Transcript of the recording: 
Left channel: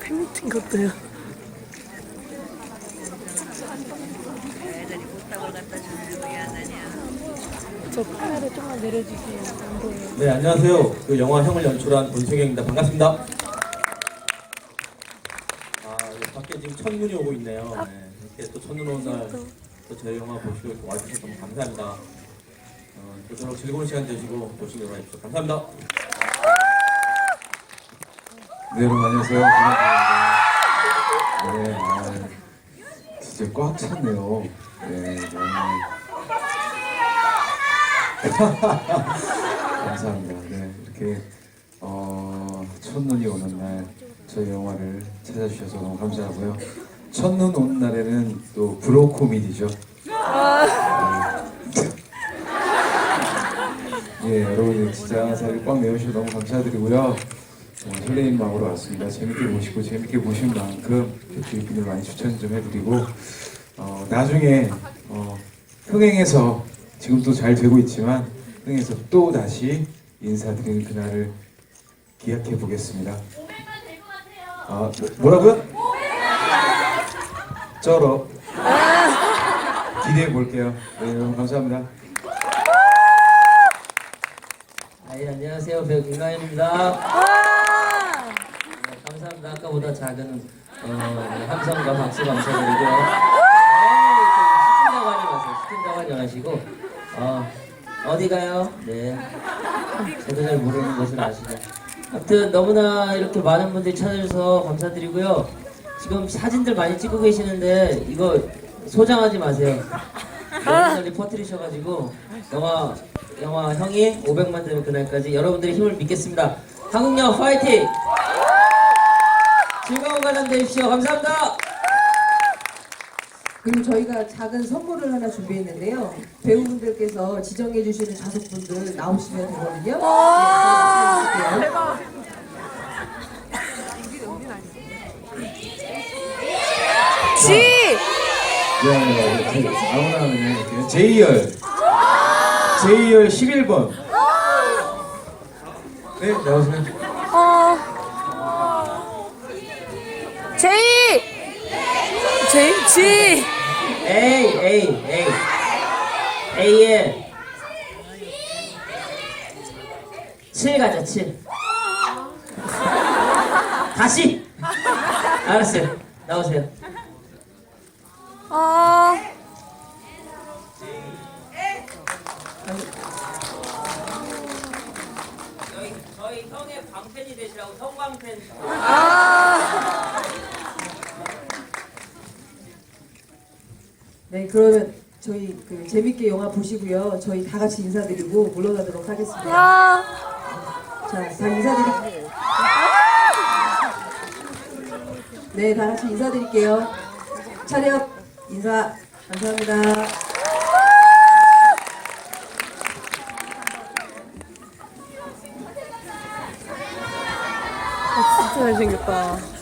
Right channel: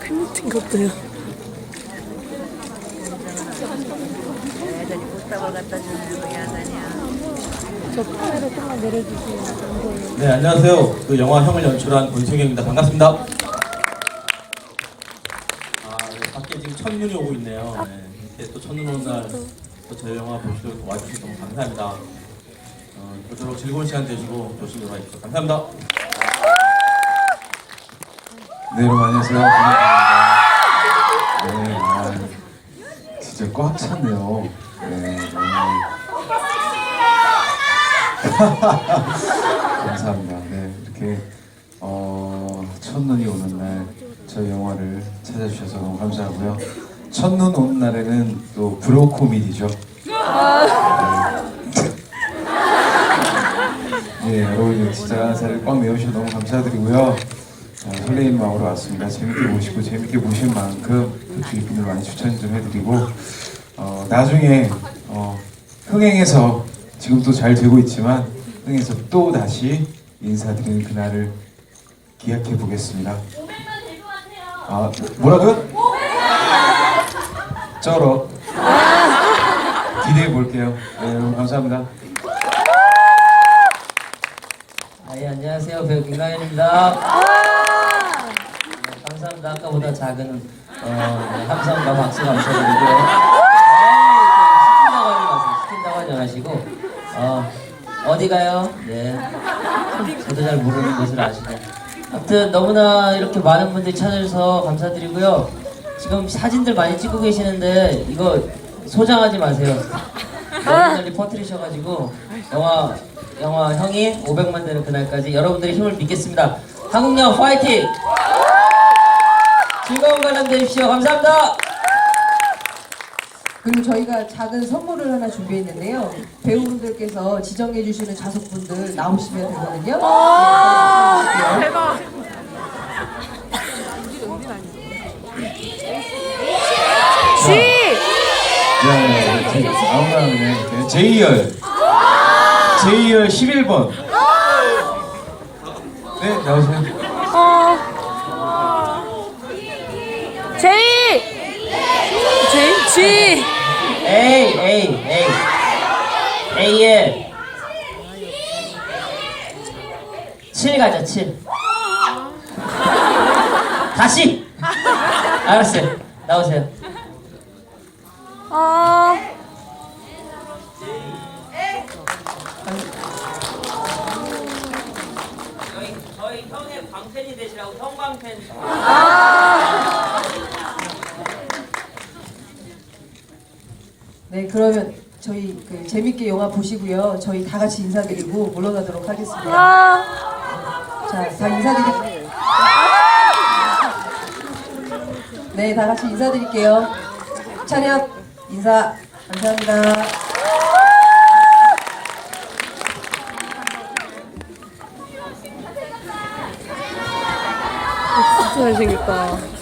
팬미팅 보여요. 네, 안녕하세요. 그 영화 형을 연출한 권승영입니다. 반갑습니다. 아, 네, 밖에 지금 첫눈이 오고 있네요. 네, 이렇게 또 첫눈 오는 날또 저희 영화 보시고 와주셔서 너무 감사합니다. 어, 그토록 즐거운 시간 되시고 조심히 와주셔서 감사합니다. 네, 여러분 안녕하세요. 반갑습니다. 네, 아, 진짜 꽉 찼네요. 네, 너무 감사합니다. 네, 이렇게 어, 첫눈이 오는 날 저희 영화를 찾아주셔서 너무 감사하고요. 첫눈 오는 날에는 또 브로 코미디죠. 네, 여러분 진짜 자리 꽉 메우셔서 너무 감사드리고요. 어, 설레이는 마음으로 왔습니다. 재밌게 보시고 재밌게 보신 만큼 그 주입분들 많이 추천 좀 해드리고 어, 나중에 어, 흥행해서 지금도 잘 되고 있지만 흥행해서 또 다시 인사드리는 그날을 기약해 보겠습니다. 500만 될 것 같아요. 아 뭐라고요? 쩔어 기대해 볼게요. 네, 여러분 감사합니다. 네, 안녕하세요. 배우 김가연입니다. 네, 감사합니다. 아까보다 작은 어, 함성과 박수 감사드리고요. 시킨다고 하지 마세요. 시킨다고 하지 마시고 어, 어디 가요? 네. 저도 잘 모르는 것을 아시네. 아무튼 너무나 이렇게 많은 분들이 찾아주셔서 감사드리고요. 지금 사진들 많이 찍고 계시는데 이거 소장하지 마세요. 너무 널리 퍼뜨리셔가지고 영화 영화 형이 500만 되는 그날까지 여러분들의 힘을 믿겠습니다. 한국영 파이팅! 즐거운 관람 되십시오. 감사합니다. 그리고 저희가 작은 선물을 하나 준비했는데요. 배우분들께서 지정해 주시는 좌석분들 나오시면 되거든요. 네, 대박. 지! 네, 네, 아무나 그냥 제이열 제이열 11번. 네 나오세요. 제이! 제이, 지! 에이 에이 에이. 에이에 7 가자 7 다시. 알았어요. 나오세요. 어, 형의 광팬이 되시라고 형광팬 네, 그러면 저희 그 재밌게 영화 보시고요. 저희 다 같이 인사드리고 물러가도록 하겠습니다. 자, 다 인사드릴게요. 네, 다 같이 인사드릴게요. 차렷 인사 감사합니다. 잘생겼다.